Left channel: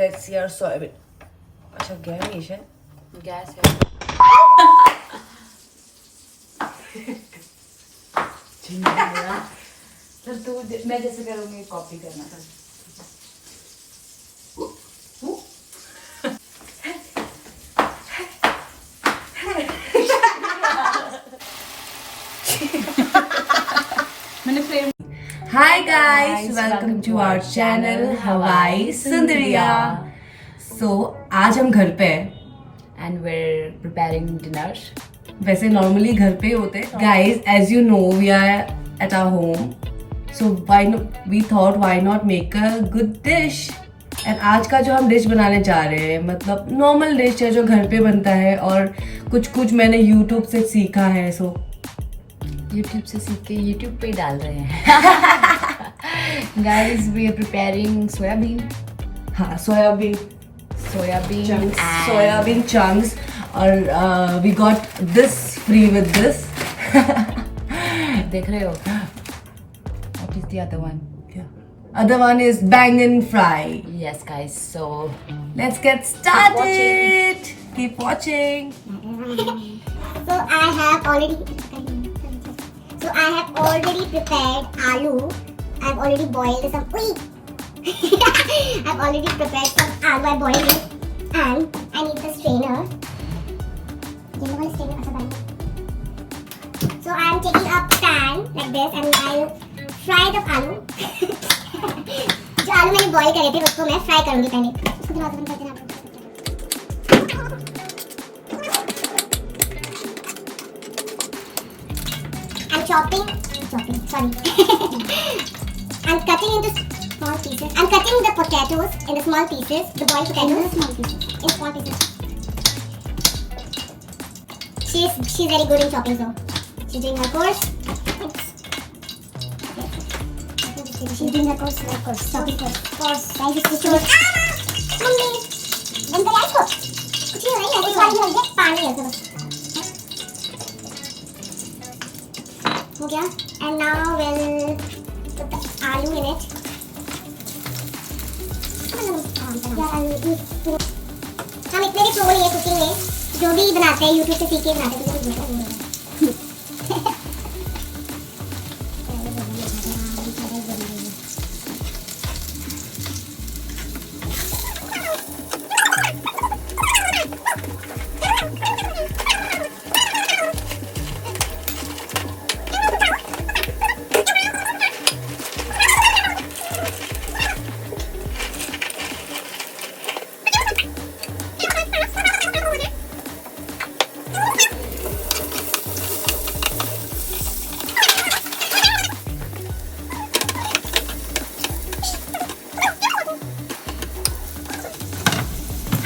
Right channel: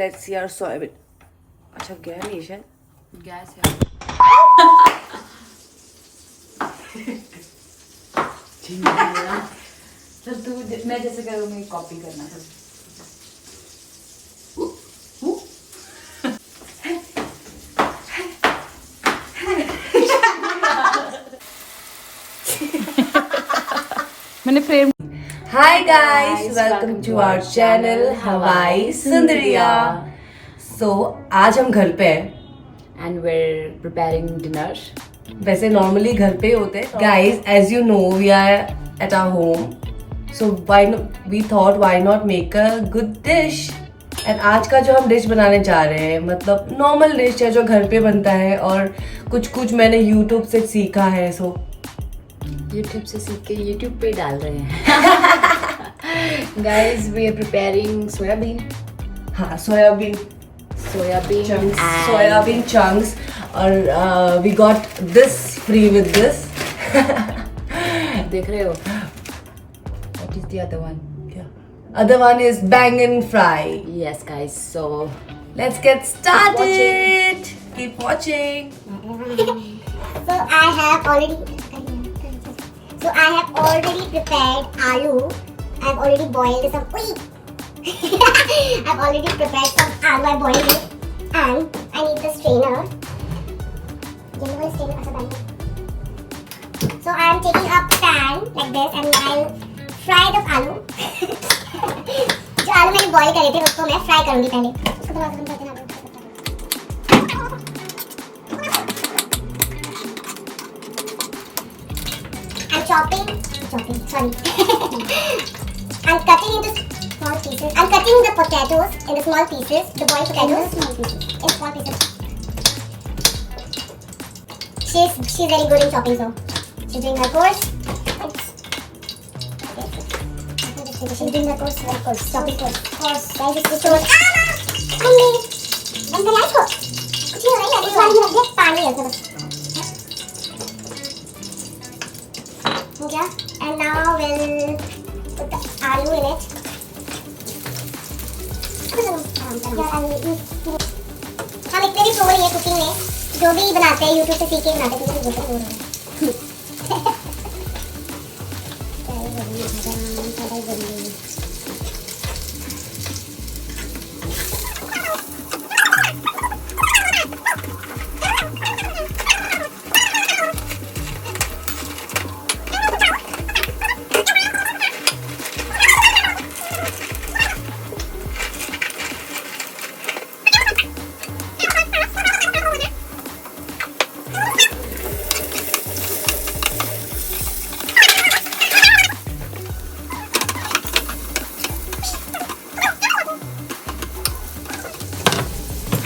let's see our soybean. अच्छा गया ये शायद गैस है. तो तू मैं जैसे करूँगी कॉपी करना. मैंने frame. Hi guys, welcome to our channel Hawai Sundari. So आज हम घर पे हैं. And we're preparing dinner. वैसे नॉर्मली घर पे ही होते हैं. Guys, as you know, we are at our home. So we thought why not make a good dish. And आज का जो हम डिश बनाने जा रहे हैं मतलब नॉर्मल डिश है जो घर पे बनता है और कुछ मैंने YouTube से सीखा है. So YouTube से सीख के YouTube पे डाल रहे हैं. Guys, we are preparing soybean. हाँ सोयाबीन chunks और we got this free with this. देख रहे हो? What is the other one? Other one is bangin fry. Yes, guys. So Let's get started. Keep watching. So I have already prepared aloo. I've already boiled some. I've already prepared some aloo. I boiled it, and I need the strainer. So I'm taking a pan like this, and I'll fry the aloo. जो आलू मैंने बॉईल करे थे उसको मैं फ्राई करूंगी पहले. उसको थोड़ा बंद कर देना. I'm chopping. Sorry. I'm cutting into small pieces. I'm cutting the potatoes into small pieces. The boiled potatoes in small pieces. She's very good in chopping, so she's doing her course. She's doing her course. Chopping course. Guys, this course. Mummy, बंद कर इसको. कुछ नहीं हो रहा है. इस वाले में रख दे. पानी है बस. हो गया. And now we'll put the aloo in it. हम इतने भी प्रो नहीं है कुकिंग में. जो भी बनाते हैं YouTube से सीख के बनाते हैं. कुछ भी बोल रहे हैं.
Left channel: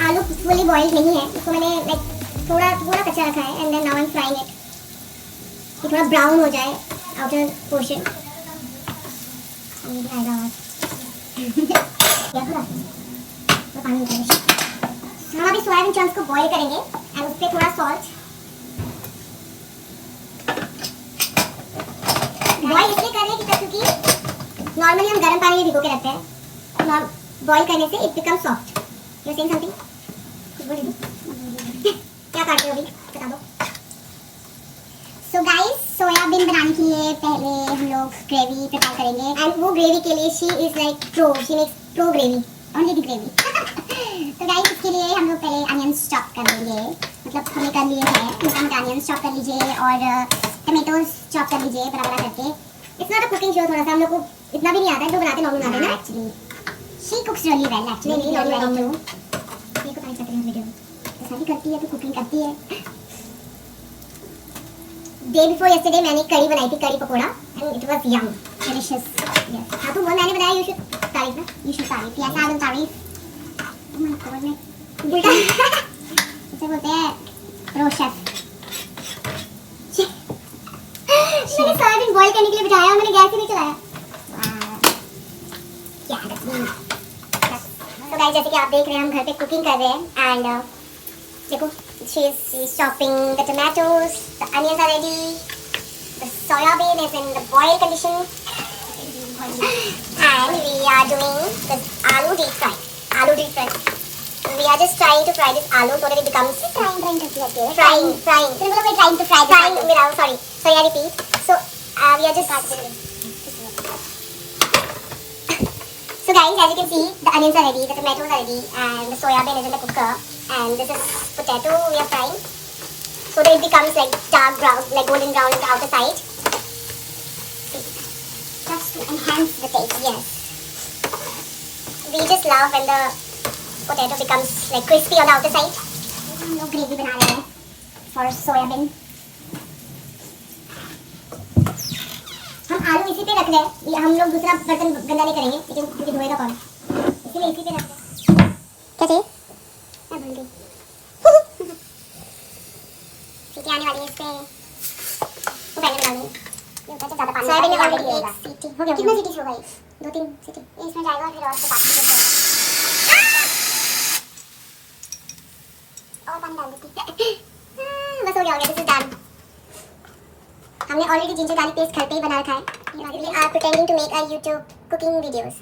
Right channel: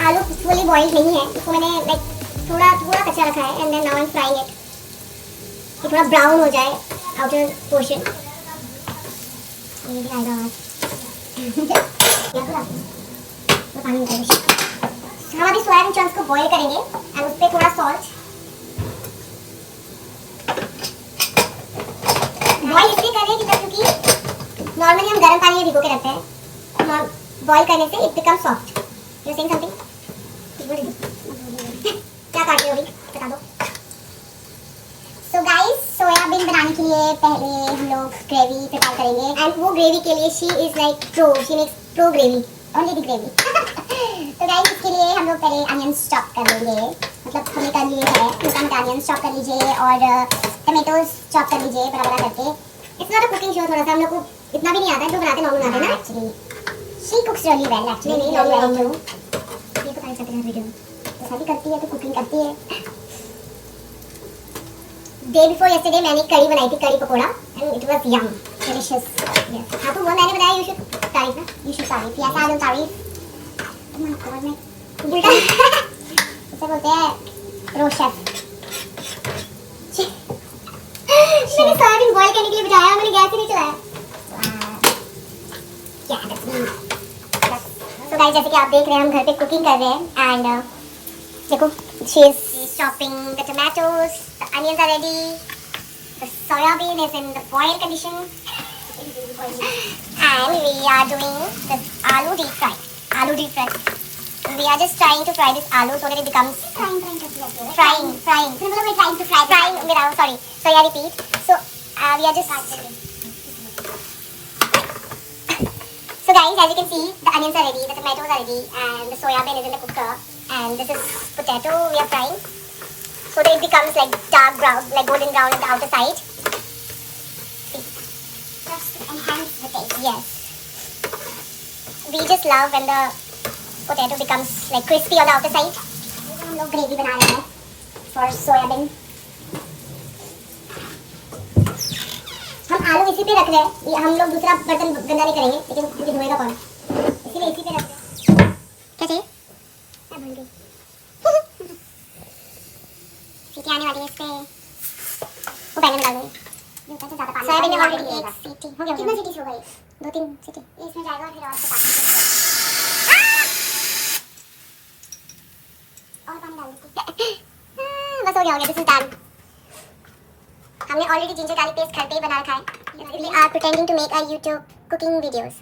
आलू फुली बॉइल्ड नहीं है. इसको मैंने लाइक थोड़ा कच्चा रखा है. And then now I am frying it. ये थोड़ा ब्राउन हो जाए आउटर पोर्शन. पानी निकालेंगे. हम अभी सोयाबीन चंक्स को बॉईल करेंगे एंड उस पर थोड़ा सॉल्ट. बॉईल इसलिए कर रहे हैं क्योंकि नॉर्मली हम गर्म पानी में भिगो के रखते हैं. बॉईल करने से it become soft. You saying something? क्या काट रहे हो अभी बता दो. सो गाइस, सोयाबीन बनाने के लिए पहले हम लोग ग्रेवी प्रिपेयर करेंगे. एंड वो ग्रेवी के लिए she is like pro. She makes pro gravy. Only the gravy. तो गाइस इसके लिए हम लोग पहले अनियंस चॉप कर लेंगे. मतलब हमने कर लिए हैं. मोटा अनियंस चॉप कर लीजिए और टमेटोज चॉप कर लीजिए बड़ा करके. It's not a cooking show. थोड़ा सा हम लोग को इतना भी नहीं आता है. जो बनाते नॉर्मल बनाते हैं ना. एक्चुअली शी कुक्स really well. Actually not very true. ये को ट्राई करते हैं वीडियो. तो शादी करती है तो कुकिंग करती है. डे बिफोर यस्टरडे मैंने कड़ी बनाई थी. Kadhi pakora. And it was yum delicious. हाँ तो वो मैंने बनाया. यू शुड तारीफ ना. यू शुड तारीफ. यस आई एम तारीफ. ओह माय गॉड मैं उल्टा इसे बोलते हैं प्रो शेफ. मैंने सोयाबीन बॉईल करने के लिए बिठाया. मैंने गैस ही नहीं चलाया. क्या तो गाइस जैसे कि आप देख रहे हैं हम घर पे कुकिंग कर रहे हैं. एंड देखो she is chopping the tomatoes. The onions are ready. The soybean is in the boil condition. And we are doing the aloo deep fry. aloo deep fry. We are just trying to fry this aloo so that it becomes frying. Frying. So we're trying to fry. Frying without sorry. I repeat. So we are just. So guys, as you can see, the onions are ready, the tomatoes are ready, and the soya bean is in the cooker. And this is potato we are frying, so that it becomes like dark brown, like golden brown on the outer side. Just to enhance the taste. Yes. We just love when the potato becomes like crispy on the outer side. हम लोग ग्रेवी बना रहे हैं for soybean. हम आलू इसी पे रख रहे हैं. ये हम लोग दूसरा बर्तन गंदा नहीं करेंगे, लेकिन क्योंकि धोएगा कौन, इसीलिए इसी पे रख रहे हैं. क्या चाहिए? मैं भूल गई. सीटी आने वाली है इस पे. वो बैंगन डालूंगी. सोयाबीन में ऑलरेडी एक सीटी हो गया. कितनी सीटी हो गई? 2-3 सीटी. इसमें जाएगा फिर और से बाकी और पानी डाल देती. बस हो गया दिस इज डन. हमने ऑलरेडी जिंजर गार्लिक पेस्ट घर पे ही बना रखा है. We are pretending to make our YouTube cooking videos.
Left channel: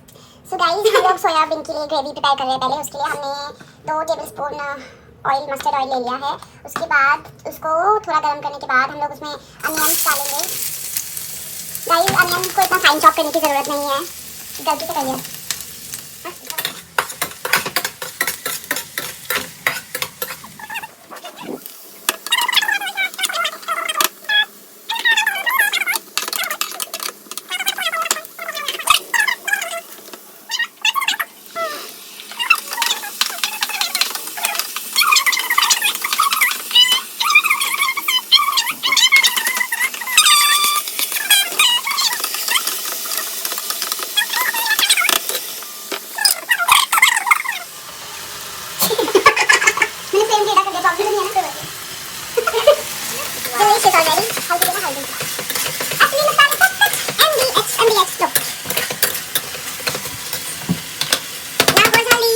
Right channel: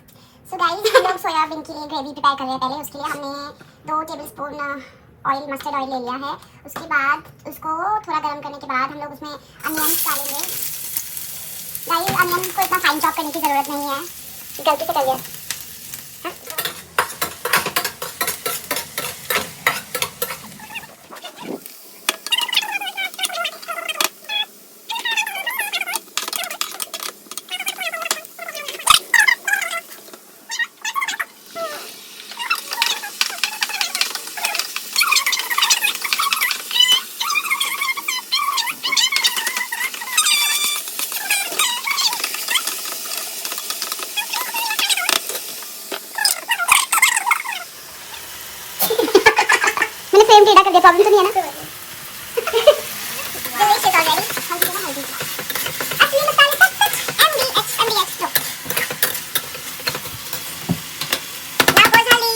So guys, हम लोग सोयाबीन के लिए ग्रेवी प्रिपेयर कर रहे हैं. पहले उसके लिए हमने 2 टेबलस्पून ऑयल मस्टर्ड ऑयल ले लिया है. उसके बाद उसको थोड़ा गर्म करने के बाद हम लोग उसमें अनियंस डालेंगे. गाइस, अनियंस को इतना फाइन चॉप करने की जरूरत नहीं है, गलती से करिए. प्रॉब्लम नहीं है ना. Delicious already. Actually मसाले सब MDX तो. Now for Sally.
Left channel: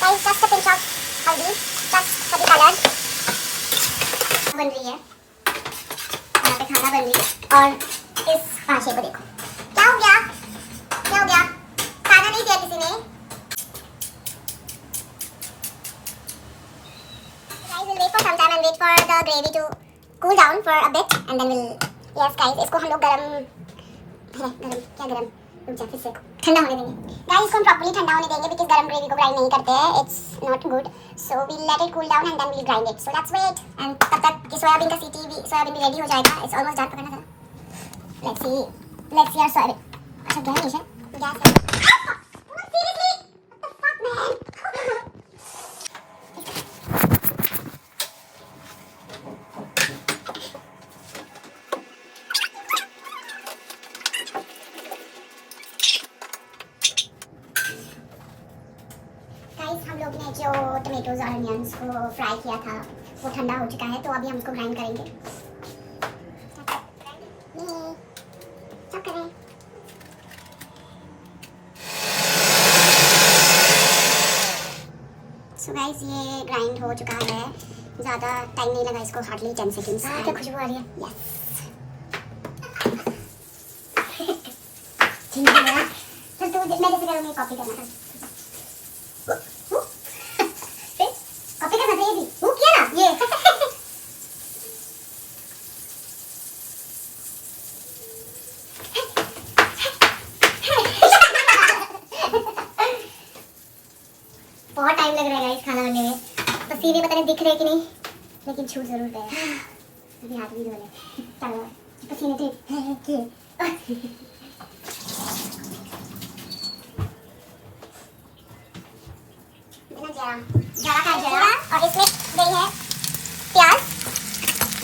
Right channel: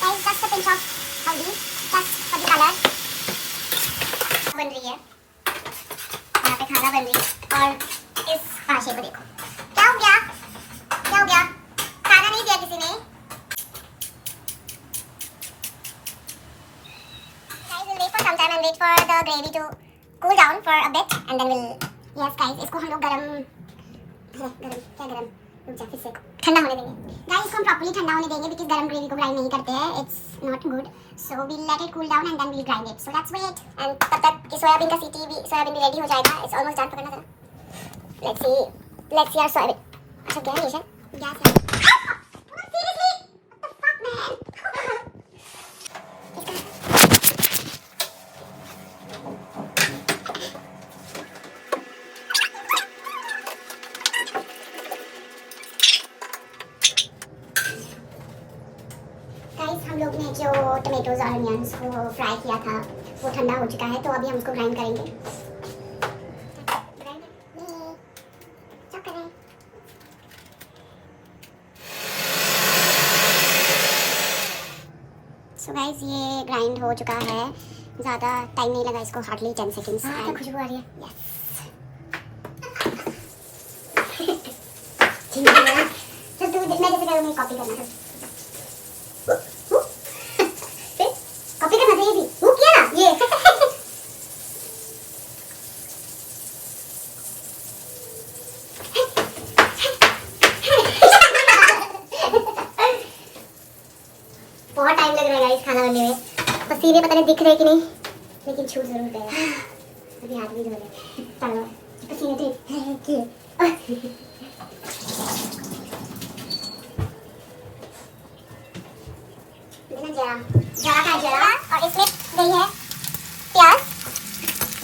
Guys, just a pinch of haldi, just for the color. बन रही है. यहाँ पे खाना बन रही है और इस पाशे को देखो. क्या हो गया? खाना नहीं दिया किसी ने. Sometime and wait for the gravy to cool down for a bit and then we'll. Yes guys, इसको हम लोग गरम रुक जा फिर से ठंडा होने देंगे. Guys, इसको हम properly ठंडा होने देंगे because गरम ग्रेवी को ग्राइंड नहीं करते हैं. It's not good. So we'll let it cool down and then we'll grind it. So let's wait. And तब तक कि सोयाबीन का सोयाबीन भी रेडी हो जाएगा. It's almost done. पकड़ना जरा. Let's see our soyabean. अच्छा गैस है. Seriously? What the fuck man? हम लोग ने जो टमेटोज और अनियंस को फ्राई किया था वो ठंडा हो चुका है, तो अभी हम उसको ग्राइंड करेंगे. सो गाइस, ये ग्राइंड हो चुका है. ज़्यादा टाइम नहीं लगा इसको, हार्डली 10 सेकेंड्स. क्या खुशबू आ रही है. यस. ठीक है ना. चल तू मैं जैसे करूँगी कॉपी करना. कॉपी करना चाहिए थी. वो किया ना ये. बहुत टाइम लग रहा है गाइस खाना बनने में. पसीने पता नहीं दिख रहे कि नहीं, लेकिन छूट जरूर गया. अभी हाथ भी धो ले. चलो पसीने तो जरा और इसमें गई है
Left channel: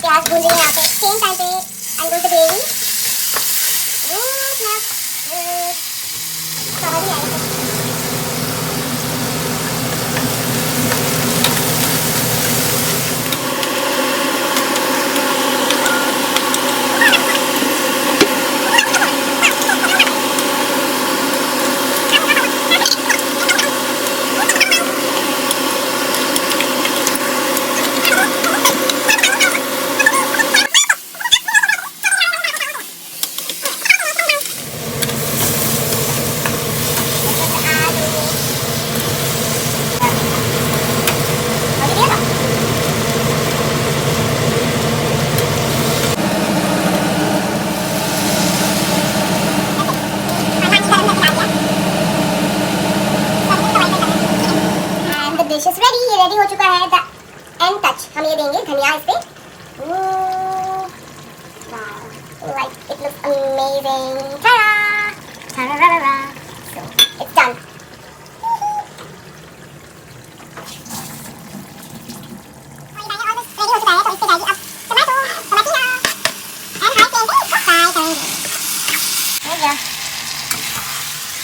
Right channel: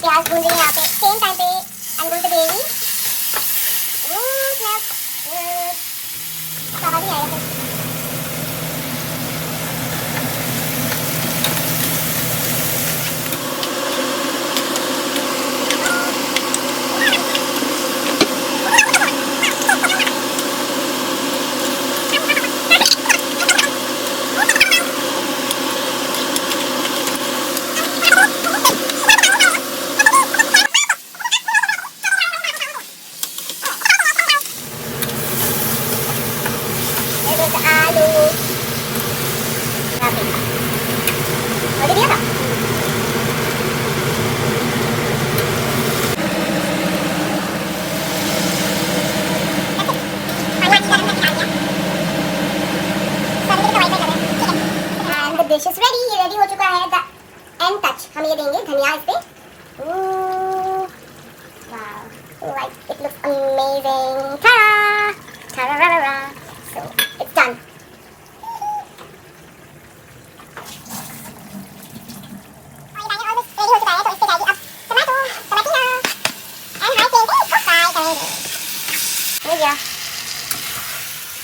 प्याज भून रही है यहाँ पे. सेम टाइम पे अंडू द ग्रेवी. समझ नहीं आएगा. देंगे धनिया इस पे। Wow, like it looks amazing. Ta-da! Ta-da-ra-ra-ra. So it's done.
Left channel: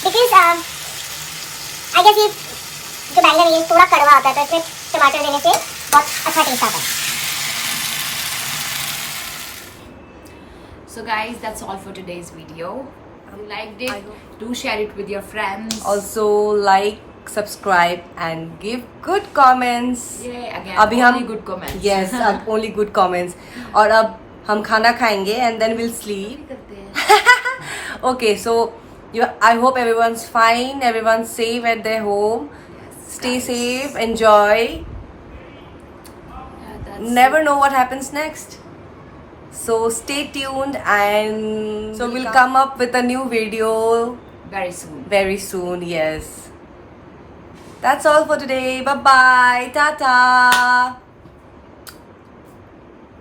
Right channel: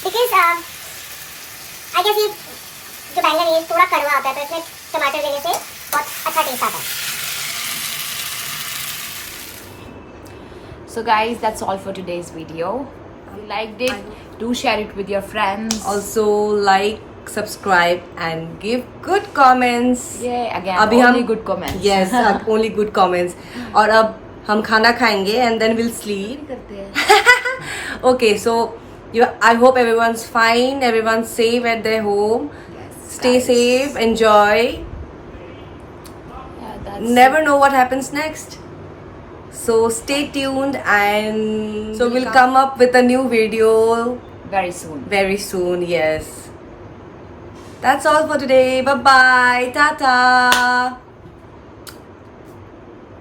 Because I guess ये जो बैंगन है ये थोड़ा कड़वा आता है, तो इसमें टमाटर देने से बहुत अच्छा टेस्ट आता है। So guys, that's all for today's video. If you liked it, do share it with your friends. Also like, subscribe and give good comments. Yeah, again, अभी only हम good comments. Yes, only good comments. और अब हम खाना खाएंगे and then we'll sleep. करते हैं। Okay, so I hope everyone's fine, everyone's safe at their home. Stay safe, enjoy. Yeah, that's Never know what happens next. So stay tuned and so we'll come up with a new video very soon. very soon. Yes. That's all for today. Bye bye. Tata.